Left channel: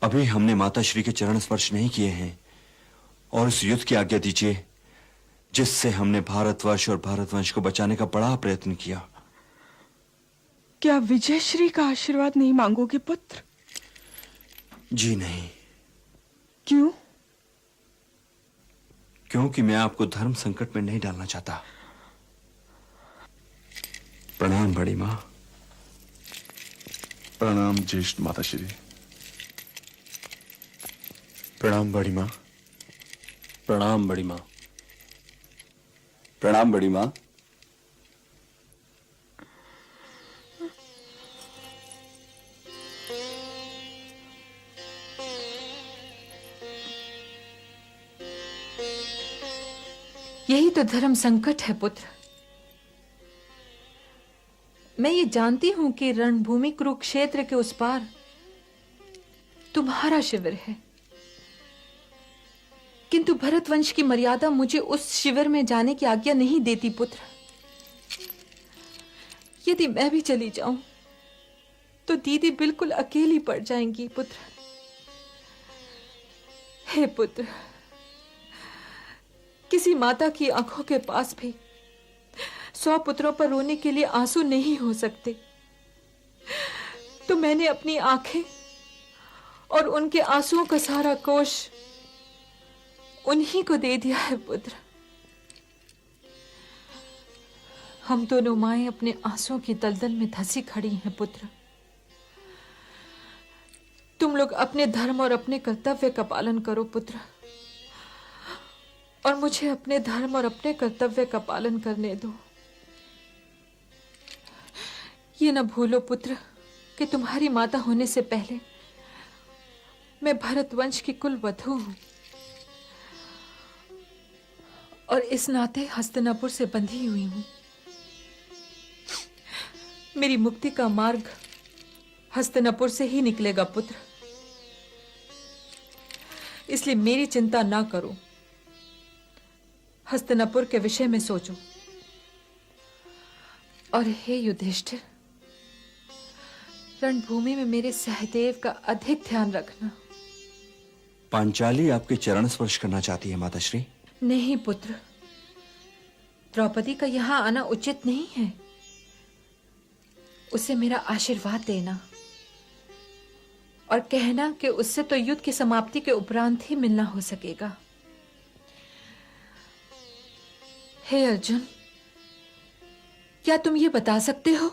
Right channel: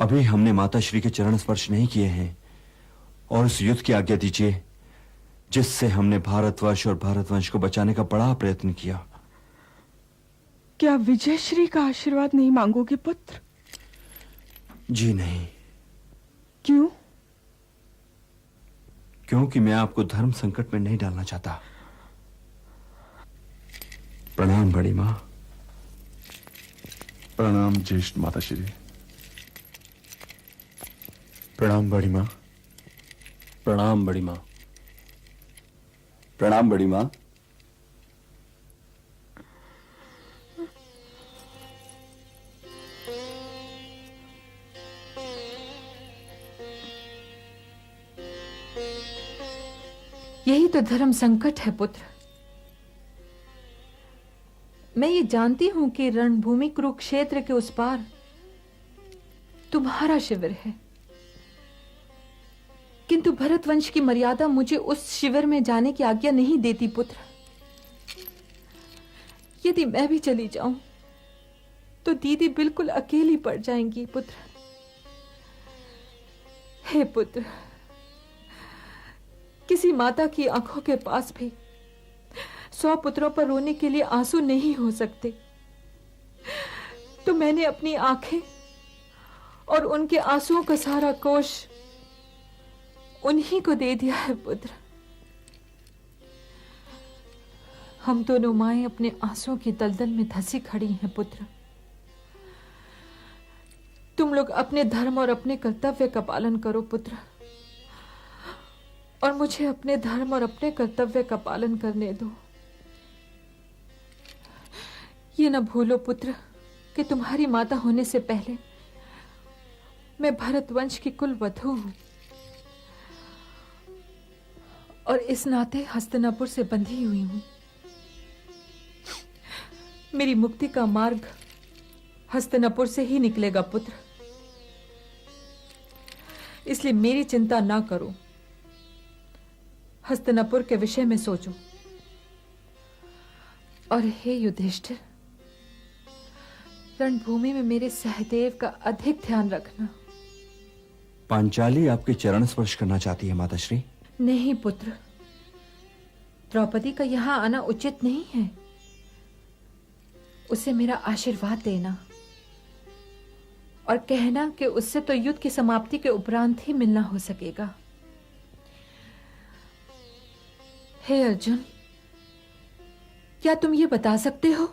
अभी हमने माताश्री के चरण स्पर्श नहीं किए हैं और उस युद्ध की आज्ञा दीजिए जिससे हमने भारतवर्ष और भारतवंश को बचाने का बड़ा प्रयत्न किया। क्या विजयश्री का आशीर्वाद नहीं मांगोगे पुत्र? जी नहीं। क्यों? क्योंकि मैं आपको धर्म संकट में नहीं डालना चाहता। प्रणाम बड़ी मां। प्रणाम ज्येष्ठ माताश्री। प्रणाम बड़ी मां। प्रणाम बड़ी मां। प्रणाम बड़ी मां। यही तो धर्म संकट है पुत्र। मैं ये जानती हूं कि रणभूमि कुरुक्षेत्र के उस पार तुम्हारा शिविर है, किंतु भरतवंश की मर्यादा मुझे उस शिविर में जाने की आज्ञा नहीं देती पुत्र। यदि मैं भी चली जाऊं तो दीदी बिल्कुल अकेली पड़ जाएंगी पुत्र। हे पुत्र, किसी माता की आंखों के पास भी 100 पुत्रों पर रोने के लिए आंसू नहीं हो सकते, तो मैंने अपनी आंखें और उनके आंसुओं का सारा कोष उन्हीं को दे दिया है पुत्र। हम दोनों माएं अपने आंसुओं की दलदल में धंसी खड़ी हैं पुत्र। तुम लोग अपने धर्म और अपने कर्तव्य का पालन करो पुत्र, और मुझे अपने धर्म और अपने कर्तव्य का पालन करने दो। ये न भूलो पुत्र कि तुम्हारी माता होने से पहले मैं भरतवंश की कुल वधू हूं, और इस नाते हस्तिनापुर से बंधी हुई हूं। मेरी मुक्ति का मार्ग हस्तिनापुर से ही निकलेगा पुत्र, इसलिए मेरी चिंता ना करो। हस्तिनापुर के विषय में सोचो। और हे युधिष्ठिर, रणभूमि में मेरे सहदेव का अधिक ध्यान रखना। पांचाली आपके चरण स्पर्श करना चाहती है माताश्री। नहीं पुत्र, द्रौपदी का यहाँ आना उचित नहीं है। उसे मेरा आशीर्वाद देना और कहना कि उससे तो युद्ध की समाप्ति के उपरांत ही मिलना हो सकेगा। हे अर्जुन, क्या तुम ये बता सकते हो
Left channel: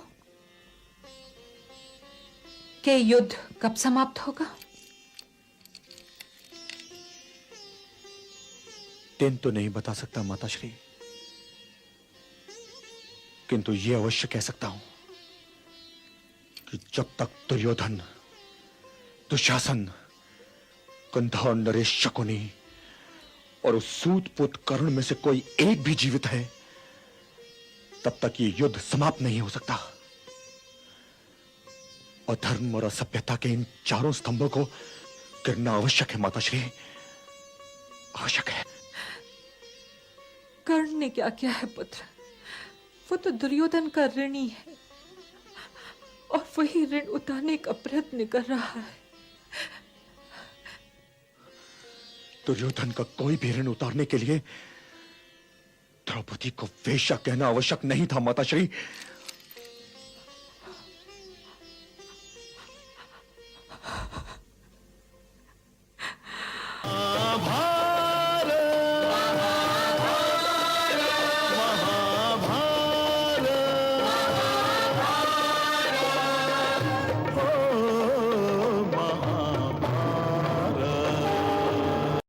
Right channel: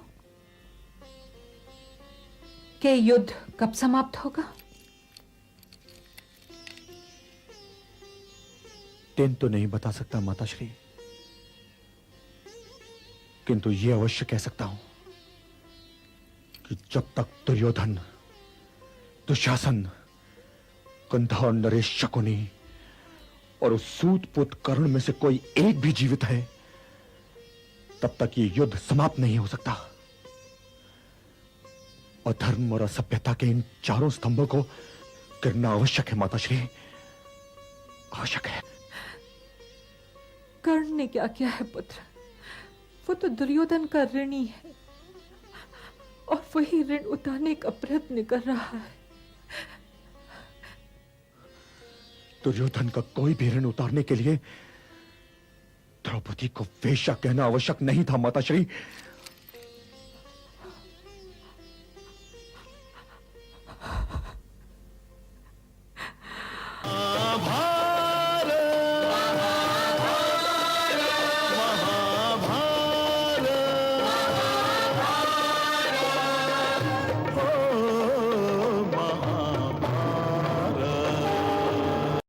कि युद्ध कब समाप्त होगा? दिन तो नहीं बता सकता माताश्री, किंतु ये अवश्य कह सकता हूं कि जब तक दुर्योधन, दुशासन, गंधर्व नरेश शकुनी और सूत पुत्र कर्ण में से कोई एक भी जीवित है, तब तक ये युद्ध समाप्त नहीं हो सकता। और धर्म और असभ्यता के इन चारों स्तंभों को गिरना आवश्यक है माताश्री, आवश्यक है। कर्ण ने क्या किया है पुत्र? वो तो दुर्योधन का ऋणी है और वही ऋण उतारने का प्रयत्न कर रहा है। दुर्योधन का कोई भी ऋण उतारने के लिए द्रौपदी को वेश्या कहना आवश्यक नहीं था माताश्री।